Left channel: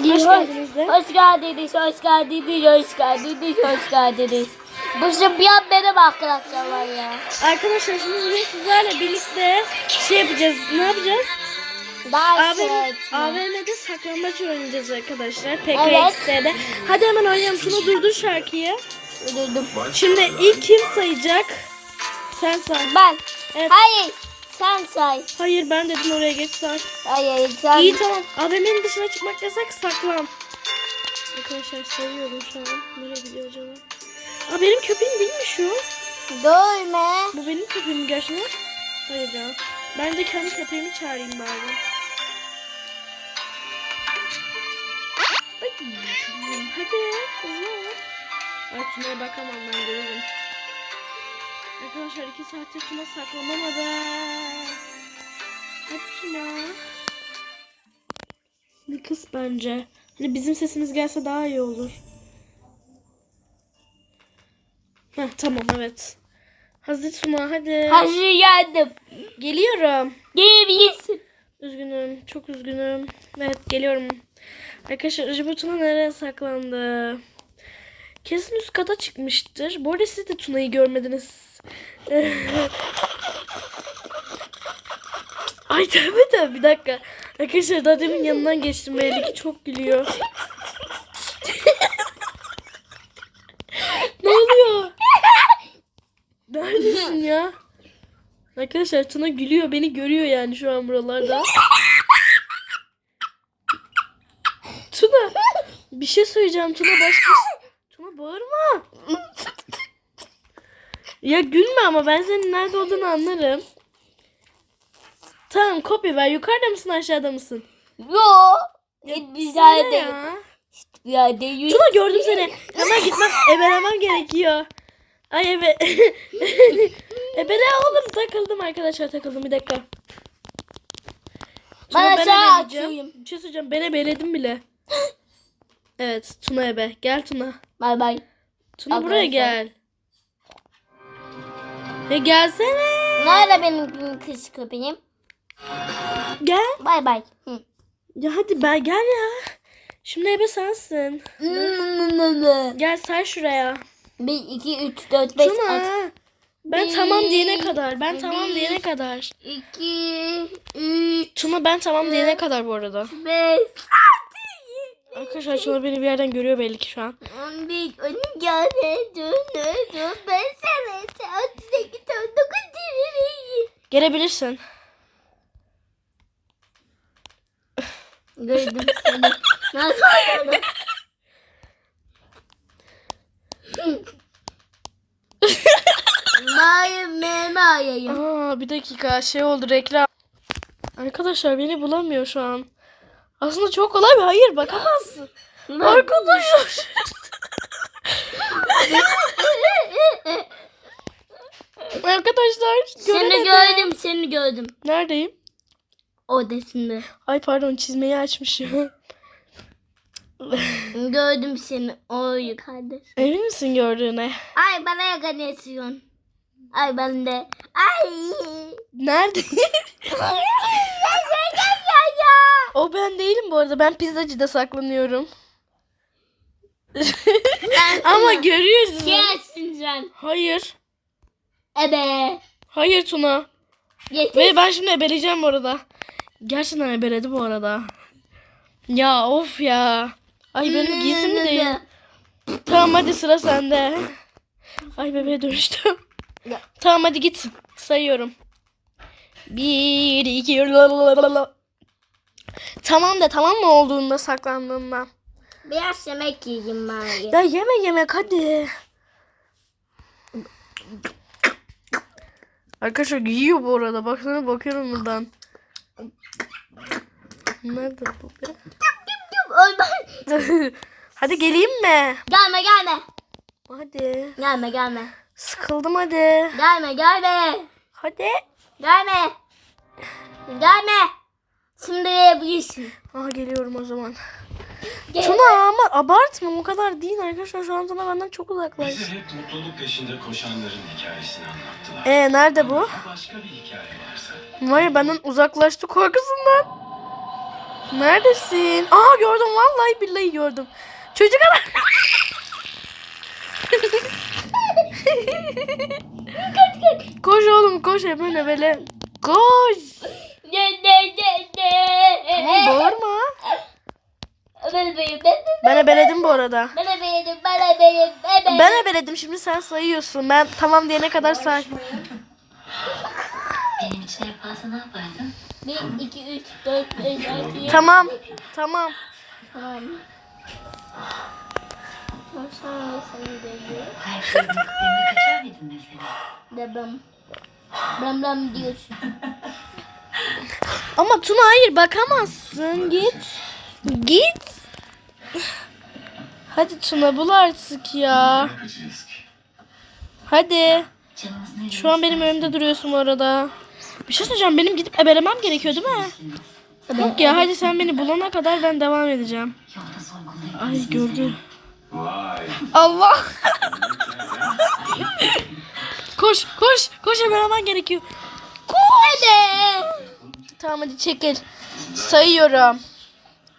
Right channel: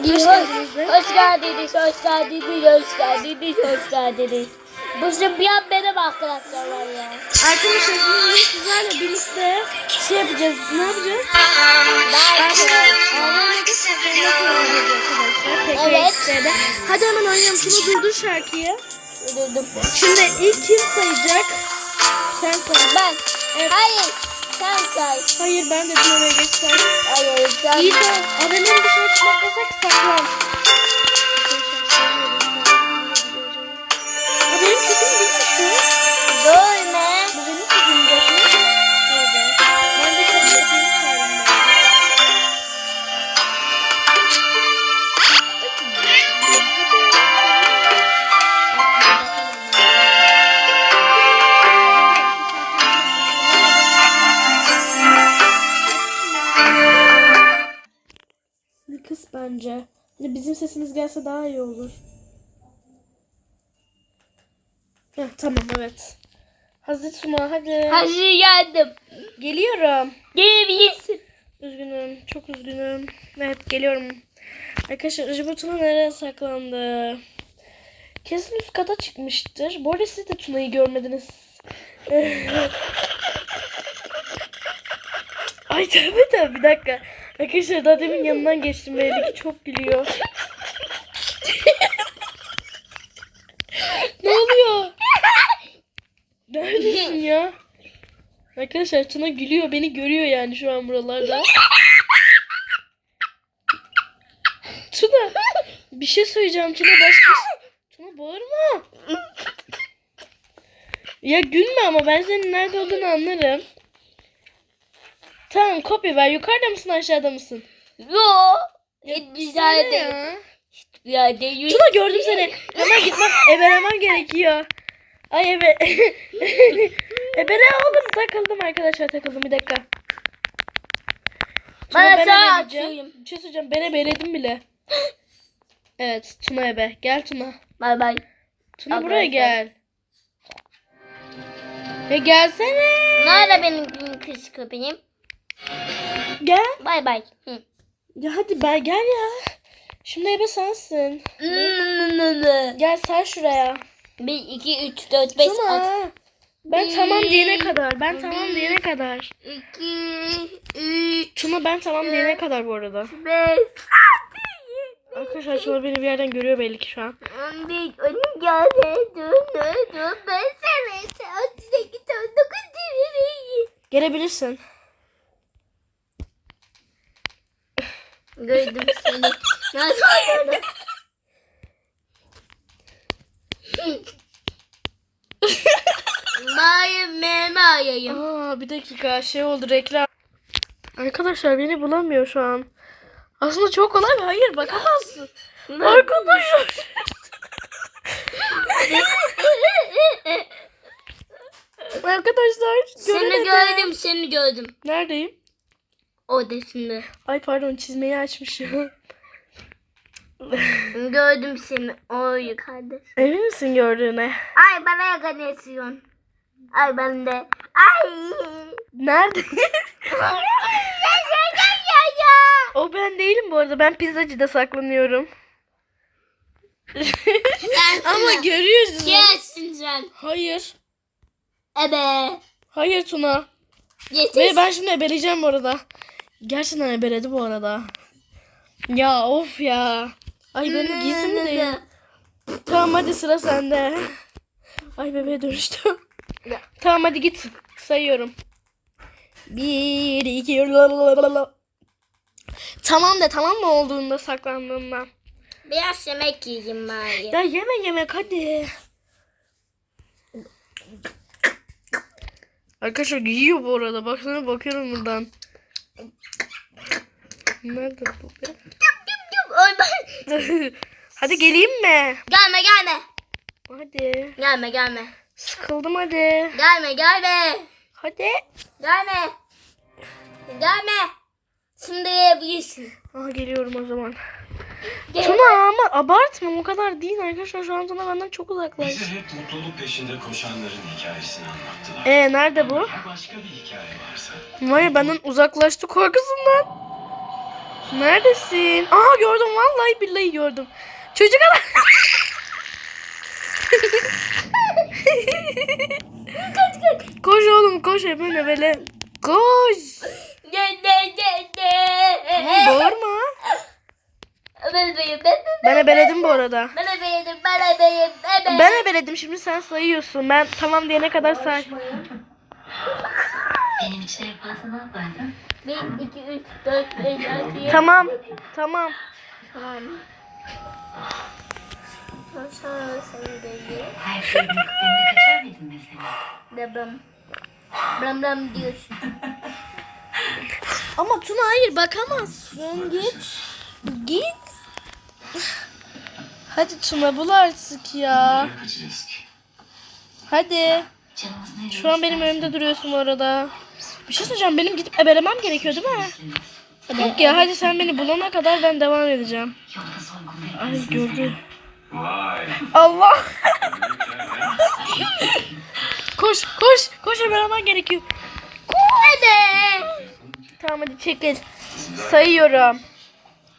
Hoş geldiniz de. Hoş geldiniz, hoş geldiniz, hoş geldiniz, hoş geldiniz. Bu zıplayan benim arkadaşlar ya. Arkadaşlar şimdi sizlerle birlikte şey yapacağız. Ne yapacağız? AVM'de saklanmak oynayacağız arkadaşlar. Evet. PKX'de. Hadi hemen oynayalım. Şunu durdur şarkıyı. öldürdüm. Şimdi ilk kim sayacak? Sen say. Ben. Evet. Hayır. Sen say. Hayır ben dedim oraya geç say. Hayır sen. İyi tamam. AVM'nin dışına çıkmak yasak saklan. Bence. Hani bizim sesimiz gelse daha iyi olur. Heh, tamam evet. Hazır Suma hadi. Hazır geldim. Geliyorum. Gelebilirsin. Üzgünüm. Çok üzgünüm. Evet geliyorum. Arkadaşlar Jibo Tuna nereye saklandı? Kesin üst kata çıkmıştır. Bu arada siz de Tuna'yı görmediniz. Ay tövbe tövbe bir dakika. Arkadaşlar daha demin yanından geçtim ve Eliki çok gülüyor. ne oluyor? Neredesin ya? Arkadaşlar Tuna gülüyor. Beni görüyor yani şu an buralarda. Tuna bir şey söyleyeceğim Tuna başka Tuna bağırma. Ya gülme ama ben senin nerede olduğunu anlarım. Tamam kopya ver. Yukarıda mısın aşağıda mısın? Yo. Ya Bir Söyle yerde. ya. Bir yerde yürü. Tuna gördüm seni. Hemen gitmem. Ebelemem gerekiyor. Ay ebe. Ebele oğlum takıldım arkadaşlar takıldım bir dakika. Tuna Ben ben atayım. Bir şey söyleyeceğim ben ebeledim bile. Evet Tuna ebe. Gel Tuna. Bay bay. Tuna Abla buraya gel. Ya gelsene. Nerede benim kız köpeğim? Gel. Bay bay. Hı. Ya hadi ben gel ya. Şimdi ebe sensin. Gel sen şuraya. 1, 2, 3, 4, 5, 6. Tuna. Ben tamam diyene kadar. Ben tamam diyene kadar. 2, 3, Tuna ben tamam diyene kadar bu arada. 5, Arkadaşlar Tuna beni bir yerden görüyor belli ki şu an. 11, 12, 13, 14, 15, 16, 18, 19, 20. Gelebilirsin. Gördüm seni. Nasıl Hayır, meme ayayım. Aa bir dakika şey oldu reklam. Arkadaşlar beni bulamıyor şu an. Aslında çok kolay bir hayır bakamazsın. Arkadaşlar. Arkadaşlar Seni göremedim. gördüm, seni gördüm. Neredeyim? Odasında. Ay pardon çizmeyi açmışım. Gördüm seni. O yukarıda. Emin misin gördüğüne? Ay bana yakanıyorsun. Ay ben de. Ay. Nerede? o ben değilim bu arada. Ben pizzacıda saklanıyorum. Ama görüyorsun. Gelsin sen. Hayır. Ebe. Hayır Tuna. Yeter. Ve ben şimdi ebeleyeceğim bu arada. Gerçekten ebeledi bu arada. Ya of ya. Ay benim giysim mi değil? Tamam hadi sıra sende. Ay bebeğe dönüştüm. Tamam hadi git. Sayıyorum. Bir, iki, lalalala. Tamam da tamam mı olduğunda saklandığında. Biraz yemek yiyeyim bari. Ya yeme yemek hadi. Arkadaşlar yiyor bu arada. Baksana bakıyorum buradan. Nerede bu be? Hadi geleyim mi? Gelme gelme. Hadi. Gelme gelme. Sıkıldım hadi. Gelme gelme. Hadi. Gelme. Gelme. Şimdi yiyebilirsin. Aha geliyorum o zaman. Tuna ama abartma o kadar değil arkadaşlar. Şu an Tuna benden çok uzaklaş. Bize hep mutluluk peşinde koşanların hikayesini anlattılar. Ee nerede bu? Başka bir hikaye varsa. Var ya benden uzaklaştı korkusundan. Neredesin? Aha gördüm vallahi billahi gördüm. Çocuk adam. koş oğlum koş böyle böyle. Koş. Ne ne ne ne. Tamam bağırma. Ben ebeledim bu arada. ben benim ben benim ben benim. Ben ebeledim şimdi sen sayıyorsun. Ben tamam diyene kadar say. Benim için en fazla ne yapardın? 1, 2, 3, 4, 5, 6, 7. Tamam. Tamam. Tamam. Nasıl seni dedi? Her şeyin gittiğinde kaçar mıydın mesela? Dedim. Bram bram diyorsun. Ama Tuna hayır bakamazsın. Git. Git. Hadi Tuna bul artık ya. Hadi. Şu an benim önümde duruyorsun bu arada. Bir şey söyleyeceğim. Benim gidip ebelemem gerekiyor değil mi? Yok ya hadi sen beni bulana kadar ben devam edeceğim. Ay gördü. Allah. koş koş koş ebelemen gerekiyor. Koş. Tamam hadi çekil. Sayıyorum.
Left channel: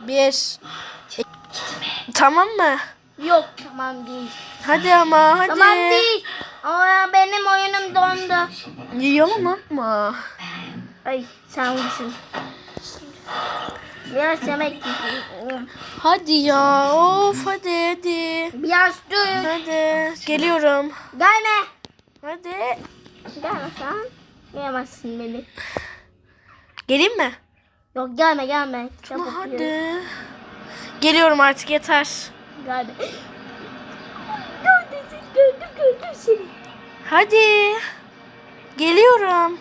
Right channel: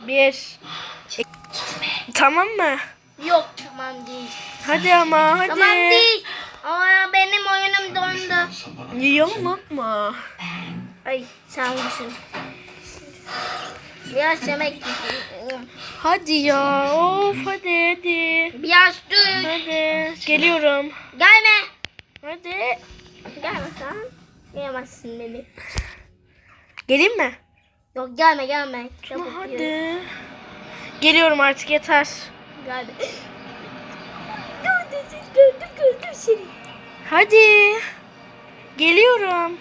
Bir. Tamam mı? Yok tamam değil. Hadi ama hadi. Tamam değil. Ama benim oyunum dondu. Yalan atma. Ay sen düşün. Biraz yemek yiyeyim. Hadi ya. Of hadi hadi. Biraz dur. Hadi. Geliyorum. Gelme. Hadi. Gelme sen. Yiyemezsin beni. Geleyim mi? Yok gelme gelme. Çok Ama hadi. Geliyorum artık yeter. Gelme. Gördüm gördüm gördüm seni. Hadi. Geliyorum.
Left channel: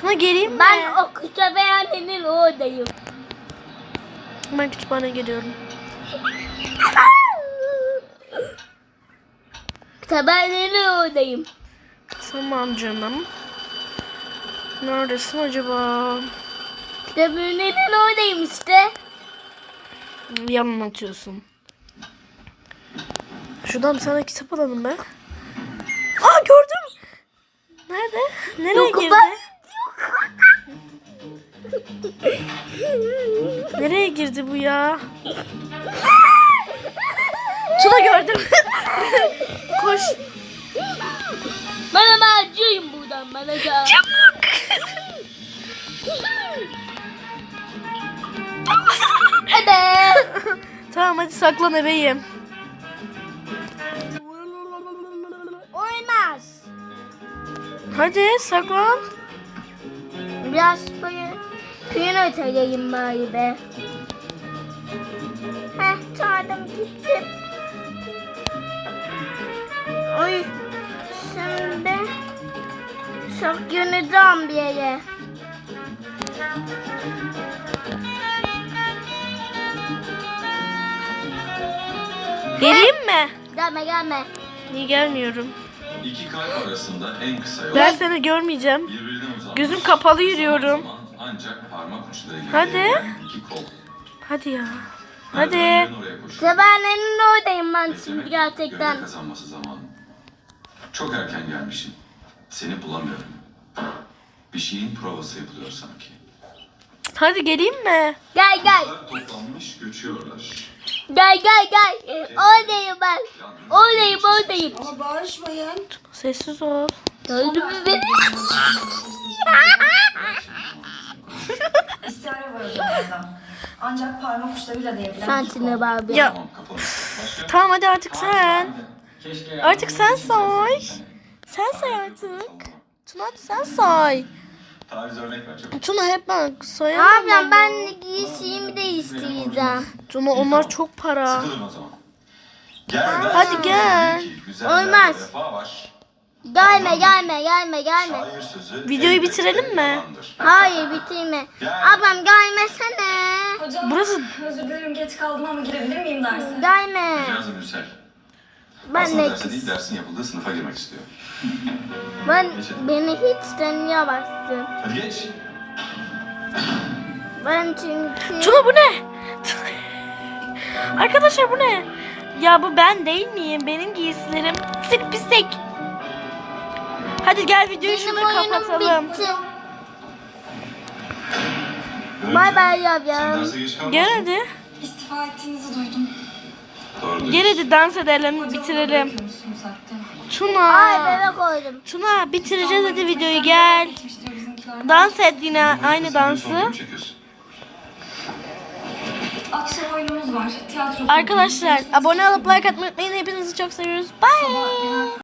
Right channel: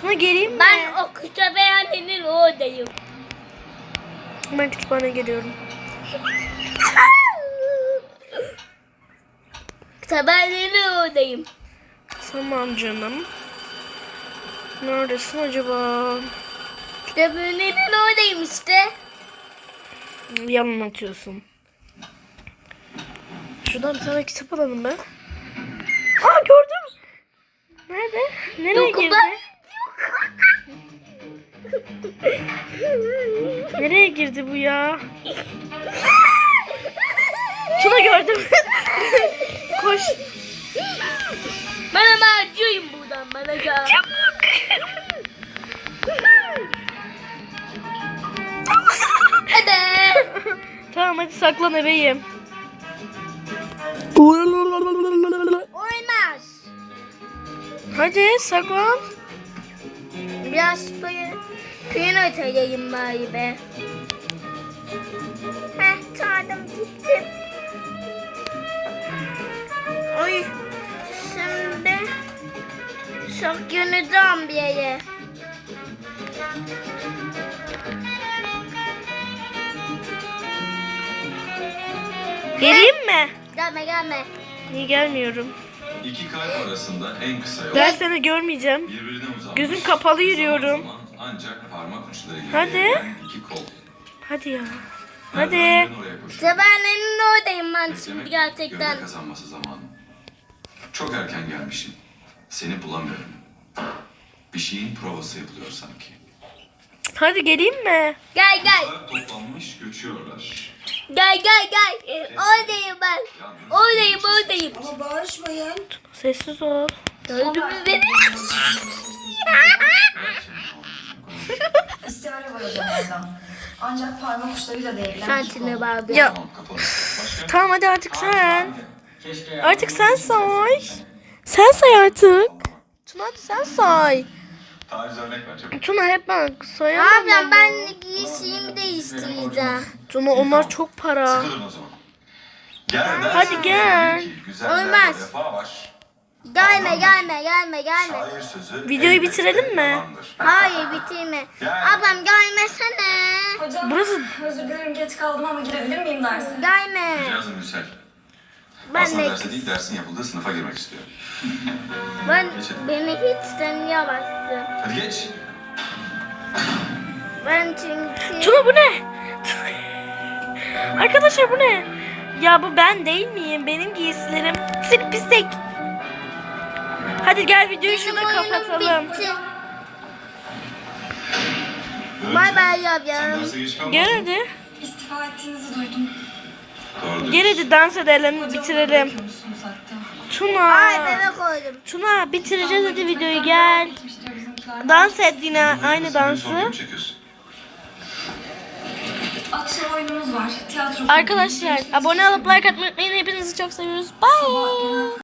Tuna geleyim mi? Ben o kütüphanenin oradayım. Ben kütüphaneye geliyorum. Kütüphanenin oradayım. Tamam canım. Neredesin acaba? Kütüphanenin oradayım işte. Yalan atıyorsun. Şuradan tane kitap alalım be. Aa gördüm. Nerede? Nereye Yok, girdi? ben- Nereye girdi bu ya? Tuna gördüm. Koş. Ben ama acıyım buradan ben acıyım. Tamam hadi saklan ebeyim. Oynaz. Hadi saklan. Biraz suyun öteyeyim bari be. Heh çağırdım gittim. Oy. Şimdi saklanacağım bir yere. Geleyim mi? Gelme gelme. Niye gelmiyorum? İki kalp arasında en kısa yol Ben seni görmeyeceğim. birbirine uzanmış. Gözüm kapalı yürüyorum. Ancak parmak uçlarıyla Hadi. gerilen iki kol. Hadi ya. Hadi. Kütüphanenin oradayım ben şimdi gerçekten. kazanması zamanı. Çok erken gelmişim. Seni bulamıyorum. Bir şeyin provası yapılıyor sanki. Hadi geleyim mi? Gel gel. Kızlar toplanmış göçüyorlar. Gel gel gel. Ee, Oradayım ben. Oradayım oradayım. Ama bağırışmayın. Sessiz ol. Gördün mü beni? İstihare var hocam oradan. Ancak parmak uçlarıyla değilen Sen kol. bağırdın. Ya Tamam hadi artık sen. Artık sen say. Sen say artık. Tuna sen say. Tariz örnek ver çabuk. Tuna hep ben sayamam Abi ben giysimi değiştireceğim. Tuna onlar çok para. Sıkılın o zaman. Gel dersin Hadi gel. ki Güzellerde Olmaz. vefa var. Gelme gelme gelme gelme. Şair sözü Videoyu bitirelim mi? yalandır. Hayır bitirme. Gel. Ablam gelmesene. Hocam Burası özür dilerim geç kaldım ama girebilir miyim derse? Gelme. Yazın Müsel. Ben Aslında de derse değil dersin yapıldığı sınıfa girmek istiyor. ben beni hiç tanıyamazsın. Hadi geç. Ben çünkü Tuna bu ne? Arkadaşlar bu ne? Ya bu ben değil miyim? Benim giysilerim. Sırf pislik. Hadi gel videoyu Benim şurada oyunum kapatalım. bitti. Bay bay yap Sen ya. derse geç kalma. Gel hadi. İstifa ettiğinizi duydum. Hadi dans edelim, bitirelim. Tuna. Tuna bitireceğiz hadi videoyu gel. Dans et yine aynı dansı. film çekiyorsun. Akşam oyunumuz var. Tiyatro. Arkadaşlar abone olup like atmayı unutmayın. Hepinizi çok seviyoruz. Bye.